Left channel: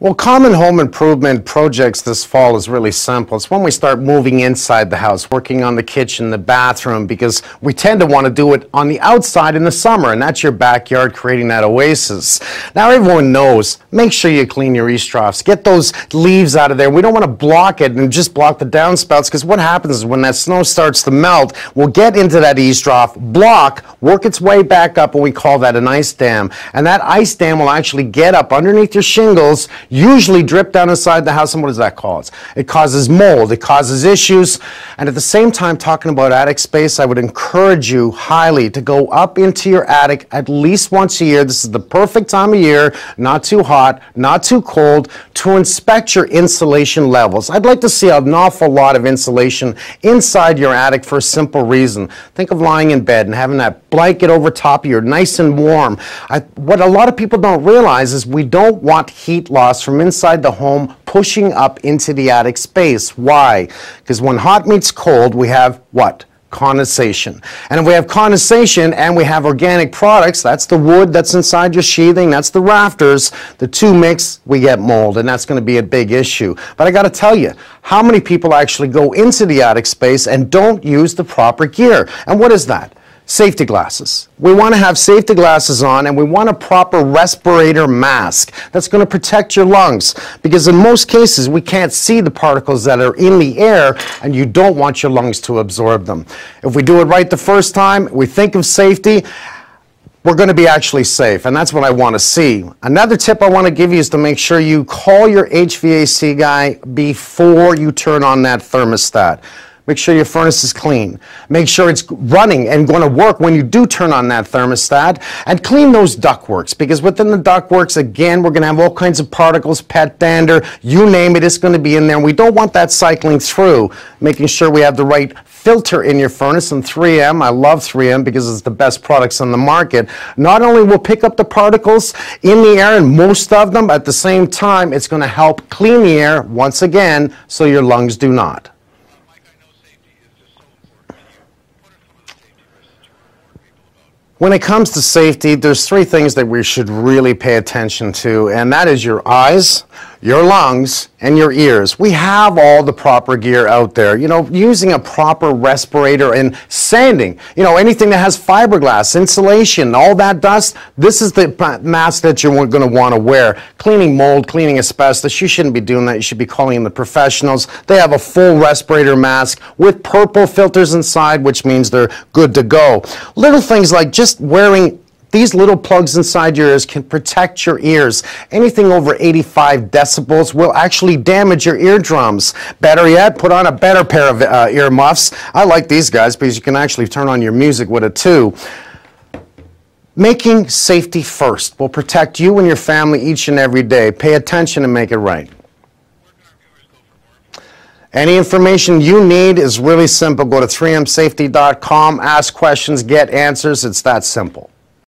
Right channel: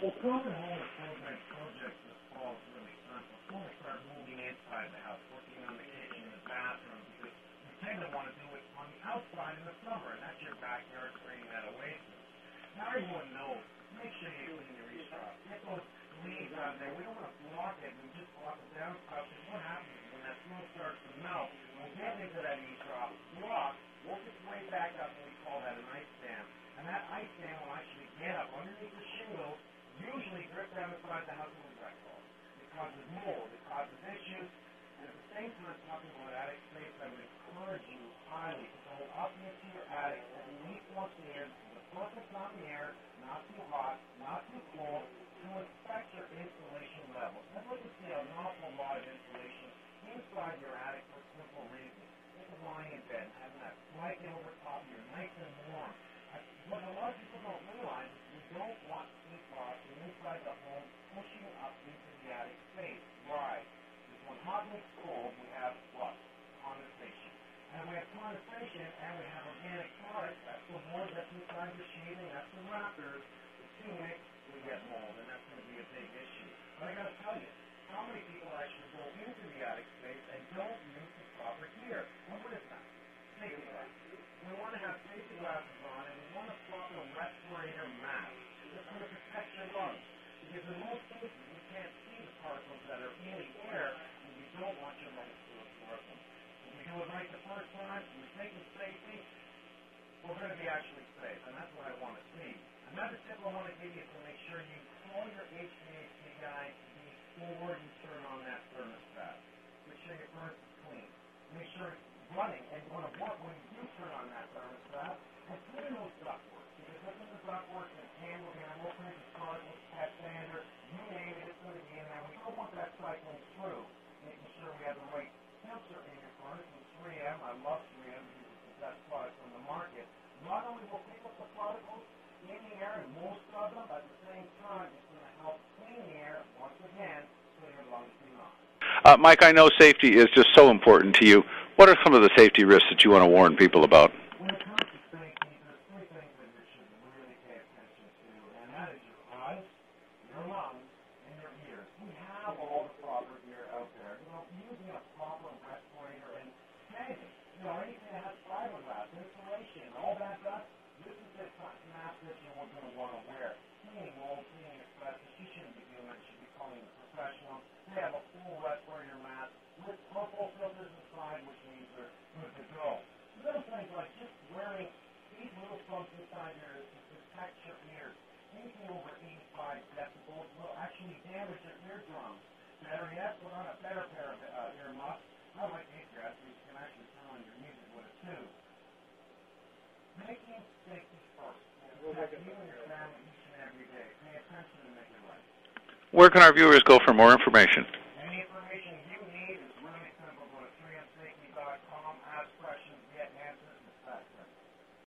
Well, common home improvement projects this fall is really simple. It's when we start moving inside the house, working on the kitchen, the bathroom, because we tend to want to do it on the outside in the summer, and that's your backyard, creating that oasis. Now, everyone knows, make sure you clean your eaves troughs. Get those leaves out of there. We don't want to block it and just block the downspouts, because what happens is when that snow starts to melt, we'll get into that eaves trough, block, work its way back up, and we call that an ice dam. And that ice dam will actually get up underneath your shingles, usually drip down inside the house, and what does that cause? It causes mold, it causes issues, and at the same time, talking about attic space, I would encourage you highly to go up into your attic at least once a year. This is the perfect time of year, not too hot, not too cold, to inspect your insulation levels. I'd like to see an awful lot of insulation inside your attic for a simple reason. Think of lying in bed and having that blanket over top of you, nice and warm. What a lot of people don't realize is we don't want heat loss from inside the home pushing up into the attic space. Why? Because when hot meets cold, we have what? Condensation. And if we have condensation and we have organic products, that's the wood that's inside your sheathing, that's the rafters, the two mix, we get mold, and that's going to be a big issue. But I got to tell you, how many people actually go into the attic space and don't use the proper gear? And what is that? Safety glasses. We want to have safety glasses on, and we want a proper respirator mask that's going to protect your lungs, because in most cases we can't see the particles that are in the air, and you don't want your lungs to absorb them. If we do it right the first time, we think of safety, we're going to be actually safe, and that's what I want to see. Another tip I want to give you is to make sure you call your HVAC guy before you turn on that thermostat. Make sure your furnace is clean. Make sure it's running and going to work when you do turn on that thermostat. And clean those ductworks, because within the ductworks, again, we're going to have all kinds of particles, pet dander, you name it, it's going to be in there. And we don't want that cycling through. Making sure we have the right filter in your furnace, and 3M, I love 3M because it's the best products on the market. Not only will pick up the particles in the air, and most of them, at the same time, it's going to help clean the air once again so your lungs do not. Mike, I know safety is just so important to you. What are some of the safety risks that you want to warn people about? When it comes to safety, there's three things that we should really pay attention to, and that is your eyes, your lungs, and your ears. We have all the proper gear out there. You know, using a proper respirator and sanding, you know, anything that has fiberglass, insulation, all that dust, this is the mask that you're going to want to wear. Cleaning mold, cleaning asbestos, you shouldn't be doing that. You should be calling in the professionals. They have a full respirator mask with purple filters inside, which means they're good to go. Little things like just wearing these little plugs inside your ears can protect your ears. Anything over 85 decibels will actually damage your eardrums. Better yet, put on a better pair of earmuffs. I like these guys because you can actually turn on your music with it too. Making safety first will protect you and your family each and every day. Pay attention and make it right. Where can our viewers go for more information? Any information you need is really simple. Go to 3msafety.com, ask questions, get answers. It's that simple.